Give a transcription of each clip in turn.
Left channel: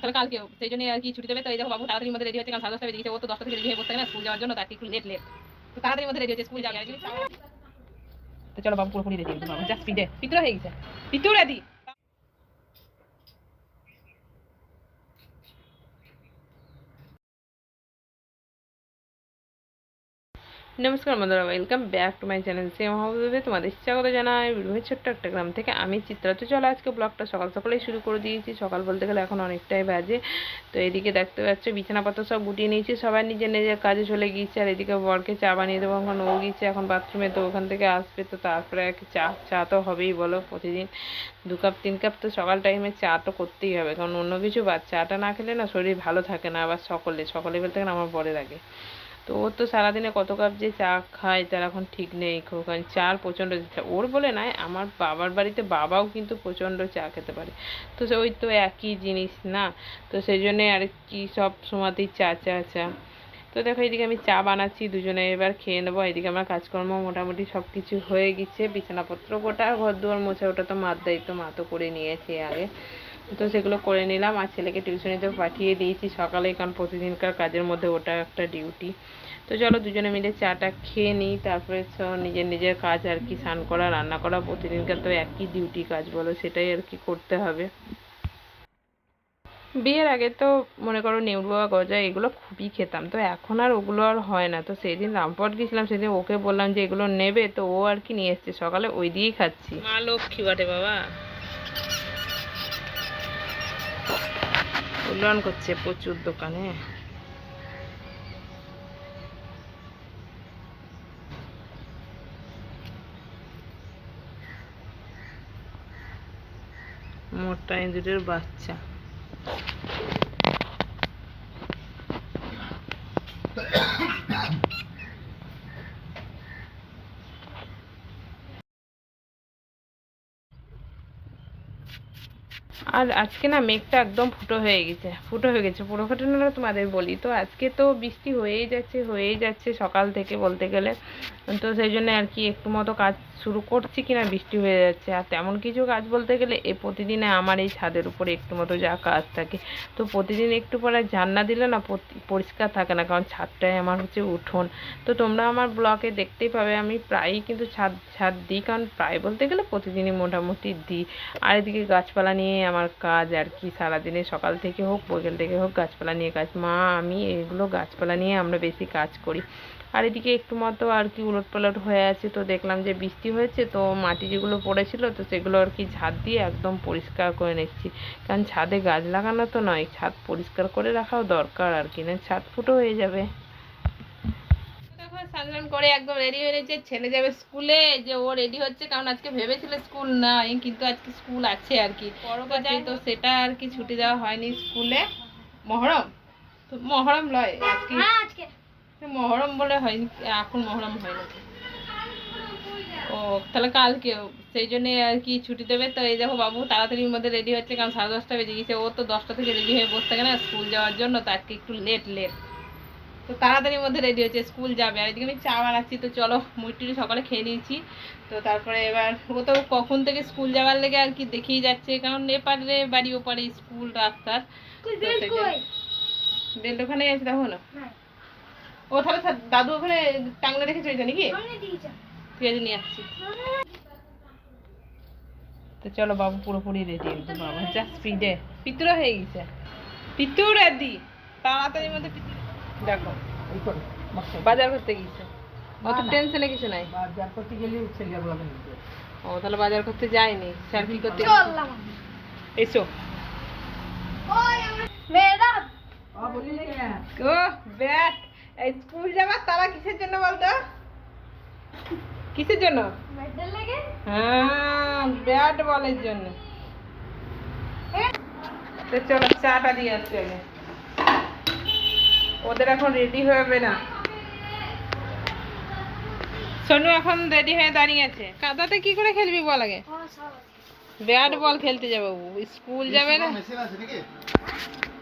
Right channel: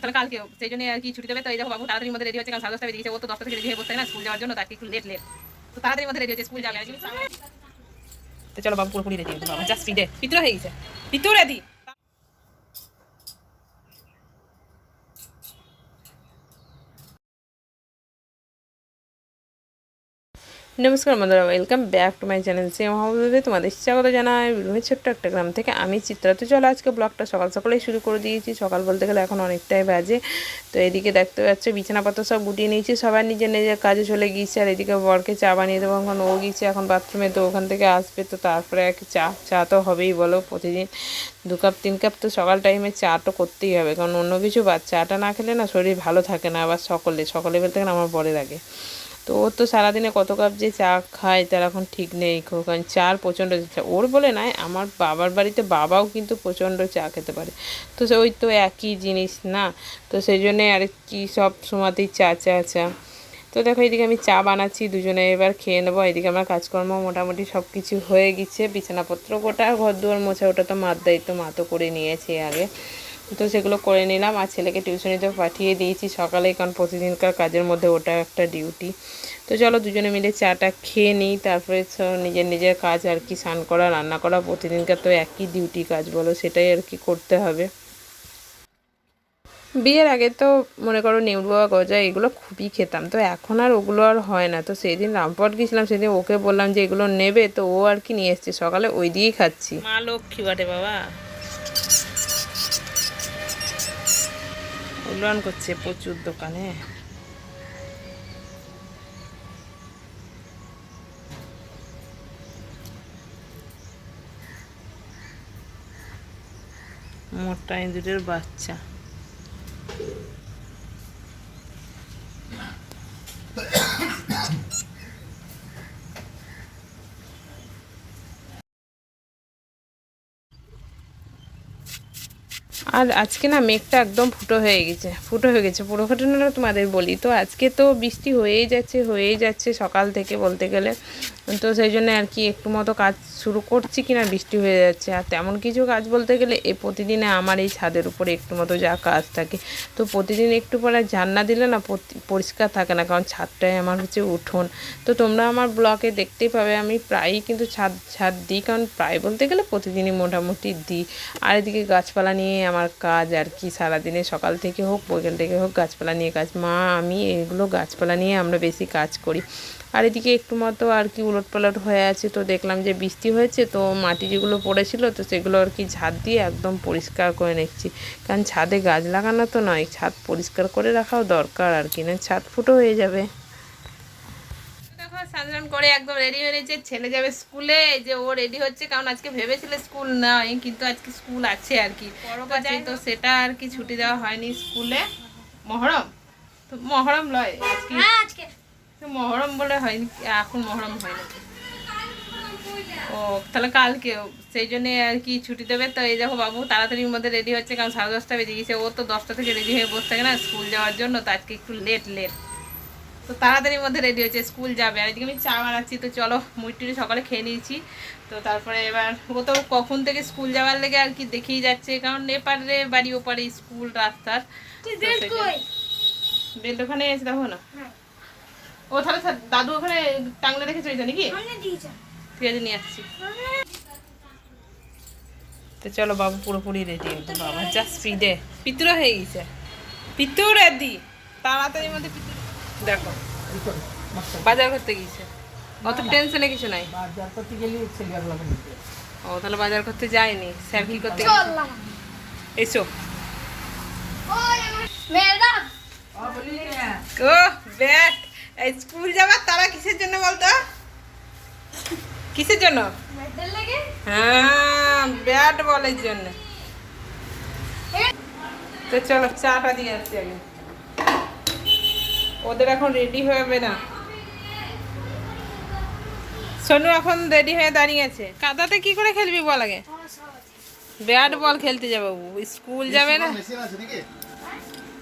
তাহলে কালকে সেই জন্য আর কি ছুটি দেবে। তো এই দেখো বাবু তাড়াতাড়ির মধ্যে রেডি হচ্ছে, কারণ 10:30 বেজে গেছে। ও তো 10টা থেকে রেডি হয়ে বসে থাকে না স্কুল যাওয়ার জন্য, তাকে একটু লেট তো তাড়াতাড়ির মধ্যে রেডি হচ্ছে, স্কুল যাবে। তো চলো বাবু পুরোপুরি রেডি হচ্ছে, বাবা জাস্ট স্পিডে পিতর হয়ে গেছে, পিতর রেডি। নমস্কার বন্ধুরা, welcome back to my channel. Same হাউসে তোমাদের স্বাগত জানাই। বিরুমের ছোট্ট একটা গ্রাম থেকে আমি চিত্রা। তো চলো আজকে ব্লগটা সকাল সকালেই শুরু করে দিয়েছি। সকাল বলতে গেলে এখন অনেকটাই বাজে। তো এদিকে দেখতে পাচ্ছ বিছানাপত্র সব গুটিয়ে নিয়েছি, সবাই নিজের নিজের কাজে চলে গিয়েছে। আর এদিকে বরকে চা বানিয়ে দেবো, এখন ও গিয়েছে এখন বাথরুমে। তো ওখান থেকে আসবে, তো তারপরে এক চা তো হবেই বলো, প্রতিদিন 2 কাপ 3 কাপ তো সকাল টাইমে চা তো করতেই হবে, কারণ অন্য কিছু চাটা না খেলে না শরীর ভালো থাকে না। আবার সকলে বলতে গেলে আমার বরের আগে। তো ওর তো সারাদিনে কত কাপ যে চা খায় তার এখন ঠিক নেই, কারণ চার প্রচণ্ড ওর বলে নয়, আমার বাবার বাড়িতে বাবাও কিন্তু প্রচণ্ড চা খেতে পারে। তো ওই তো একই জিনিস না, তো সেই জন্যে আর কি সব সময়তেই চা। তো দেখো এদিকে আমি চা বানাচ্ছি, দুজনে এবার খেয়ে নেবো। এদিকে আমার কাজকর্ম মোটামুটি সব কিছু হয়ে গেছে, বিছানাপত্র গোটা, ঘর দুয়ার মোছা, ওটা তো মার দায়িত্ব, মা তো করে নিয়েছে আগে। তো সেগুলো করে নিলাম, আর ছেলেকে টিউশনিতে পাঠিয়ে দিয়েছি সকালে, কারণ প্রতিদিনকার কাজের মধ্যে ওটা একটা ডিউটি। তো চলো দুজনে মিলে চাটা খেয়ে নিই, তারপরে নিজের নিজের কাজ আর কি, স্নান করা, রান্না করা, প্রতিদিনকার তো একই ডিউটি কাজ বলো, সেটাই আর কি করতে হবে। বিয়ের আগে তো মনে করো নেউরুয়া গজা এগুলো খুবই খেতাম, তো এখন আর ওগুলো আর হয় না। তো সেই দিন রামপুরহাট গেছিলাম, সেদিন ওকে বললাম যে এগুলো নেবে, তো ও আর কি নিয়ে এসছে, সকালে ওই দিয়েই খাচ্ছি। মা লক্ষ্মী বাটে বাবা, উন্নয়ন করছে প্রচুর দোকানে। মোটা ইঁদুরের বাচ্চা। আর আজকে না মেঘটা একদম ফুটো হয়ে গেছে, পুরো ঘটনাটা তোমাদের বলি। তো আজকে তো বৃষ্টি হয়েই যাচ্ছে সকাল থেকে বলতে গেলে। তো সেই জন্য আর কি একটু মতো কাজ শুরু করছি কিনা বৃষ্টি হয়ে যাচ্ছে। আর তেমন কিছু কাজ বলতে গেলে প্রতিদিনে আমার এই ছাদের উপরে একটু মতো যা কাজ থাকে, তো প্রতিদিন একটু পরে ঝাড় না দিলে না পরিষ্কার থাকে না, কারণ ছাদটাই আমার হচ্ছে উঠোন। তো তোমরা আমার ব্লগে দেখতেই পাবে আমি প্রায়ই কিন্তু ছাদ দিই, কারণ প্রায় বলতে গেলে প্রতিদিনই মোটামুটি দিই। আর এদিকে গাছপালা নিয়ে আমার কাজ আর কি, সারাদিনে সকাল থেকে হোক বিকেল থেকে হোক গাছপালা নিয়ে কাজ। মা আমি এগুলো গাছপালা নিয়ে আমরা বেশি কাজ করি। আর এদিকে একটু মতো আর কি উলটপালট হয়ে আছে, তো দেখলাম যে বৃষ্টি হয়েছে, তো মাটি যেগুলো পড়েছিল তো সেগুলো আর কি ঝাড় দিয়ে একদম পরিষ্কার করে নিচ্ছি, কারণ ছাদে গাছ লাগানো তো নয়, ছাদ পরিষ্কার করে রাখাও দরকার আর কি, না ছাদ ফুটো হয়ে যাবে। স্নান করে একদম রেডি হয়ে রয়েছে, ছেলে যাবে স্কুলে। যে ও রেডি হচ্ছে, কারণ আজকে ভেবেছিল স্কুল নাই, কিন্তু আজকে স্কুল আছে আর কি, পরব আছে, তো সেটা আর কি ছুটি দেওয়া হয়নি স্কুলে। মহরম তো মহরম লয় আজকে, মহরম বলে হয়নি, এখন মহরম হয় না। ও তাহলে কালকে সেই জন্য আর কি ছুটি দেবে। তো এই দেখো বাবু তাড়াতাড়ির মধ্যে রেডি হচ্ছে, কারণ 10:30 বেজে গেছে। ও তো 10টা থেকে রেডি হয়ে বসে থাকে না স্কুল যাওয়ার জন্য, তো আজকে একটু লেট তো তাড়াতাড়ির মধ্যে রেডি হচ্ছে, স্কুল যাবে। আর এদিকে আমি চা বানাচ্ছি। তো চলো মুড়ি সকালে খেয়ে নিয়েছি, তো তারপরে এবার ও তো কখন থেকে স্কুল যাওয়ার লেগে আর কি দেখেই যাচ্ছে, কারণ এপারে বাড়ি ওপারে স্কুল রাস্তার। বেল্ট ওখানে আছে দেখো না। ও তাহলে দাদু ওখানে টাংলে রেখে চলেছে নাকি, ঠিক আছে নিয়ে আসছি। তো চলো বাবু পুরোপুরি রেডি হয়েছে, বাবা যা স্পিডে পিতর হয়ে গেছে, পিতর এদি তাড়াতাড়ির মধ্যে। দেখো বাজার করতে গিয়েছে, অত টেনশনে কিছু নাই। ও তাহলে বাজার করতে যায়নি, স্যার কি করতে এসো। ও ব্যাট, স্কুল যাবার তারা কিসের জন্য বলতো, কিসের জন্য? হ্যাঁ ব্যাট বলের জন্য। তো চলো চাটা দিয়ে আসছি আগে, ওদের এখন রেডি হবে না। সোনু এখন রেডি হয়ে দাঁড়িয়ে আছে। কাদাতে কি করে খেলবি বল আগে? ব্যাট বল খেলতে যাবে, স্কুল যাবে না। মেশিন আছে নাকি?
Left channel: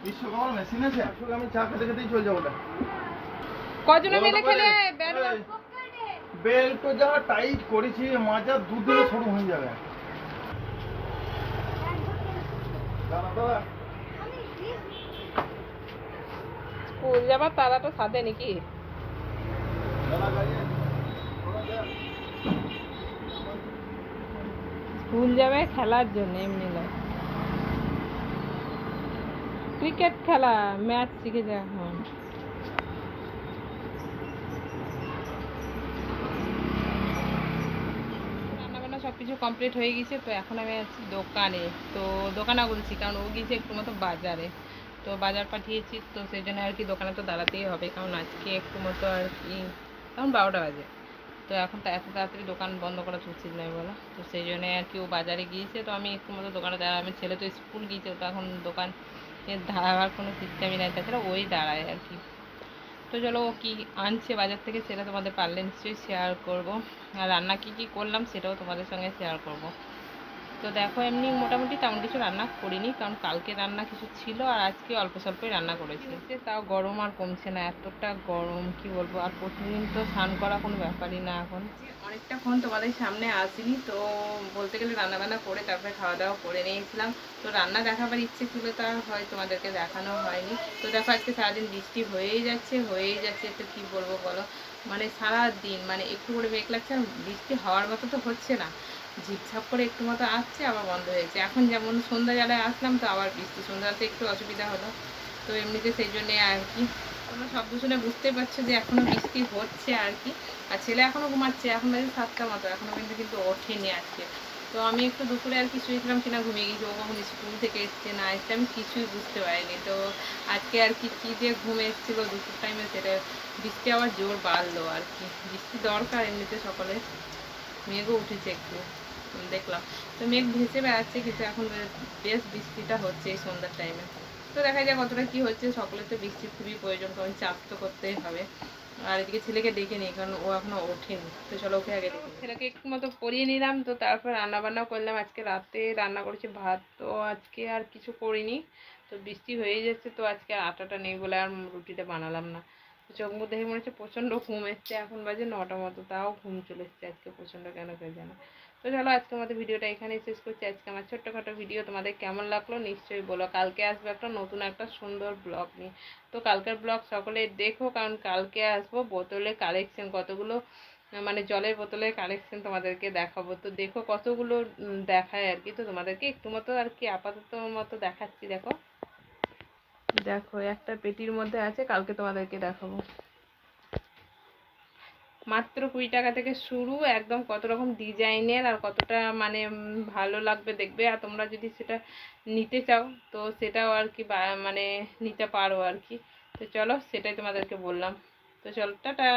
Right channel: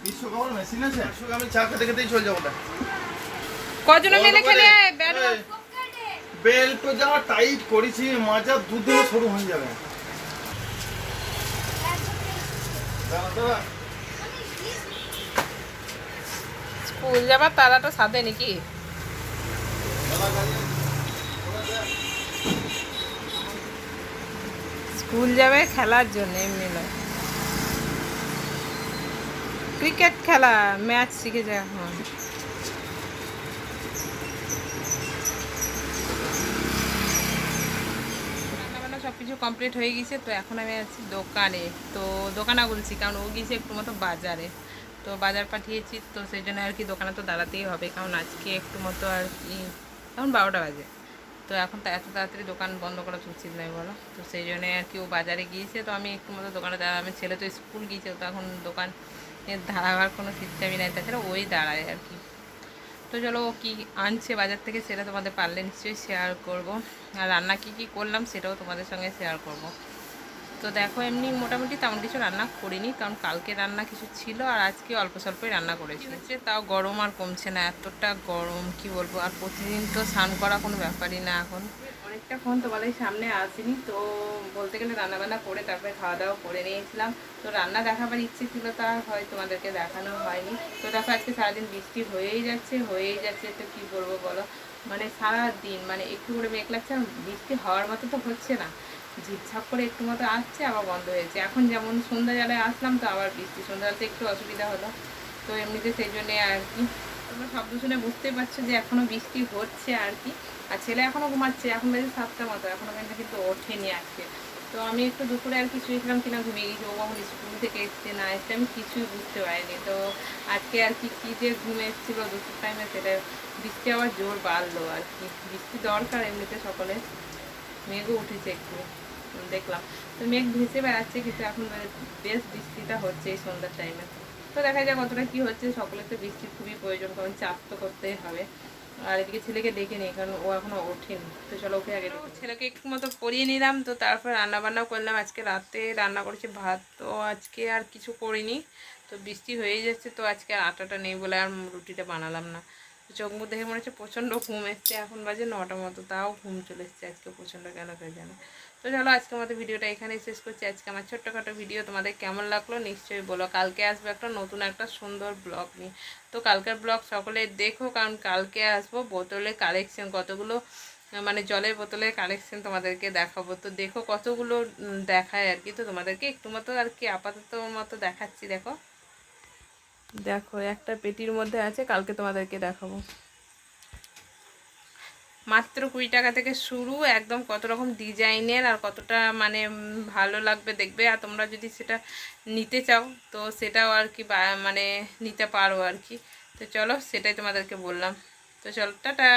বিশ্বকাপের মেশিন আছে? আমি চা খেতে খেতেই চলে যাবো। কজন মিলে খেলে ব্যাট বল? বেল্ট তো যা টাইট করেছি, মাজা দুদিনে শুরু হয়ে যাবে। স্কুল যাবার তারাটা সাথে নাকি? স্কুল যাবে খেলার জন্য, এমনি নয়। ক্রিকেট খেলা, ম্যাচ শিখেছে এখন। রান্নাবান্না সব কিছু কমপ্লিট হয়ে গেছে, তো এখন আমি আছি দোকানে। তো দোকানে বলছি কারণ ও গিয়েছে একটু মতো বাজারে, তো বাজার পাঠিয়েছি, তো সেই জন্য আর কি দোকানে তো দাঁড়াতেই হবে, কারণ আজকে একটু মতো আর কি এখন 12টা বাজে। তো এখন তো এত তাড়াতাড়ি দোকান বন্ধ করা তো উচিত নয় বলো, তো সেই জন্য আর কি ও বাজারে গিয়েছে, তো আমি একটু মতো দোকানে দাঁড়া, আমি ছেলে তো স্কুল গিয়েছে, তো এখন দোকান দাঁড়াবার কোনো সিস্টেমই নাই, তাছাড়া ওই দাঁড়ায় আর কি। তো চলো ও কী আনছে বাজার থেকে সেটা তোমাদের পারলে নিশ্চয়ই শেয়ার করব, আর রান্না কী কী করলাম সেটাও তোমাদের সঙ্গে শেয়ার করব। তো দেখো এমনি মোটামুটি তেমন কিছু রান্না করিনি, কারণ কালকে রান্না কিছু ছিল আর আজকে অল্প স্বল্পই রান্না করেছি। হচ্ছে তাও গরম আর কমছে না, এতটা গরম কি বলবো। আর প্রতিদিন তো স্নান করা কোনো ব্যাপারই না এখন। অনেকটাক্ষণ তোমাদের সামনে আসিনি, তো বলতে গেলে রান্নাবান্না করে তারপরে খাওয়া দাওয়া করে নিয়েছিলাম। তো রান্না দেখাবার ইচ্ছে ছিল, তা হয় তোমাদেরকে দেখানো হয়নি। তো দেখো আজকে সারাদিন বৃষ্টি হয়েই যাচ্ছে, তো কি বলবো বলো, মানে সারা দিন মানে একটু করে মেঘ লাগছে, আর বৃষ্টি হওয়ার মতো তো হচ্ছে না, ঝিপঝাপ করে একটু মতো আসছে আবার বন্ধ হয়েছে। এখন যেমন সন্ধ্যা বেলায় আসলাম, তো আবার বৃষ্টি, সন্ধ্যাতে একটু অসুবিধা হলো। তো এমনিতে সেই জন্যে আর কি তোমরা শব্দ শুনে বুঝতেই পারছো যে এখনও বৃষ্টি হচ্ছে আর কি। আর ছেলে এখনও ঘুমাচ্ছে, এখন বাজে 7টার মতো, এখনও কিন্তু ওঠেনি আজকে। তো আমি একটু দুপুরে আর কি শুয়েছিলাম কিনা ঘুমিয়ে গেছি, ও কখন স্কুল থেকে এসছে না এসছে আমি কিছুই বুঝতে পারিনি। তো আজকে আর কি কী যে ঘুম এসেছিলো দুপুর টাইমে, সেটা বৃষ্টি আবার জোর বাড়লো আর কি। বৃষ্টি দরকার এমনিতে সকলে, মেঘও উঠেছে একটু দেখলাম, তো মেঘ ভেসে বেড়াচ্ছে, কিন্তু এখন বেশ বৃষ্টিটা হচ্ছে এই সন্ধ্যার টাইমে। তো দেখা যায় কতটা কি হচ্ছে, সকলের তো বৃষ্টির খুবই প্রয়োজন, কারণ চাষ তো করতেই হবে। আর এদিকে ছেলেকে ডেকে নিই, কারণ ও এখনো ওঠেনি, তো চলো ওকে আগে ডেকে ছেলেকে একটু মতো পরিয়ে নিলাম। তো তারপর রান্নাবান্নাও করলাম, আজকে রাতে রান্না করেছি ভাত, তো আজকে আর কিছু করিনি। তো বৃষ্টি হয়েই যাচ্ছে, তো আজকে আর আটাটা নেই বলে আর রুটিটা বানালাম না। তো চোখ মুখ দেখে মনে হচ্ছে প্রচণ্ড ঘুম এসছে, এখন বাজে 9টার মতো, তাও ঘুম চলে এসছে আজকে প্রচণ্ড, কেন কে জানো। তো চলো আজকে আমাদের ভিডিওটা এখানেই শেষ করছি। আজকে আমার ছোট্টখাটো ভিডিও তোমাদের কেমন লাগলো নিশ্চয়ই বলো। কালকে আসবে একটা নতুন একটা সুন্দর ব্লগ নিয়ে, তো কালকের ব্লগ সকলে দেখো, কারণ কালকে আসবো বোতলে কালেকশন কতগুলো, মানে জলের বোতলের কালেকশন তোমাদেরকে দেখাবো। তো দেখো কতগুলো দেখায় আর কি, তো তোমাদেরকে একটু মতো আর কি আপাতত মতো দেখাচ্ছি। দেখো দেখো একটা পেটির মধ্যে আছে, কালকে তোমাদেরকে দেখাবো। মাত্র 20 টাকা থেকে শুরু, একদম কত রকম ডিজাইনের, আর কতটা মানে ভালো লাগবে দেখবে। আর তোমরা যদি সেটা নিতে চাও তো সেটাও আর কি মানে নিতে পারো আর কি। তো চলো সেটাই তোমাদেরকে বললাম, তো চলো টাটা।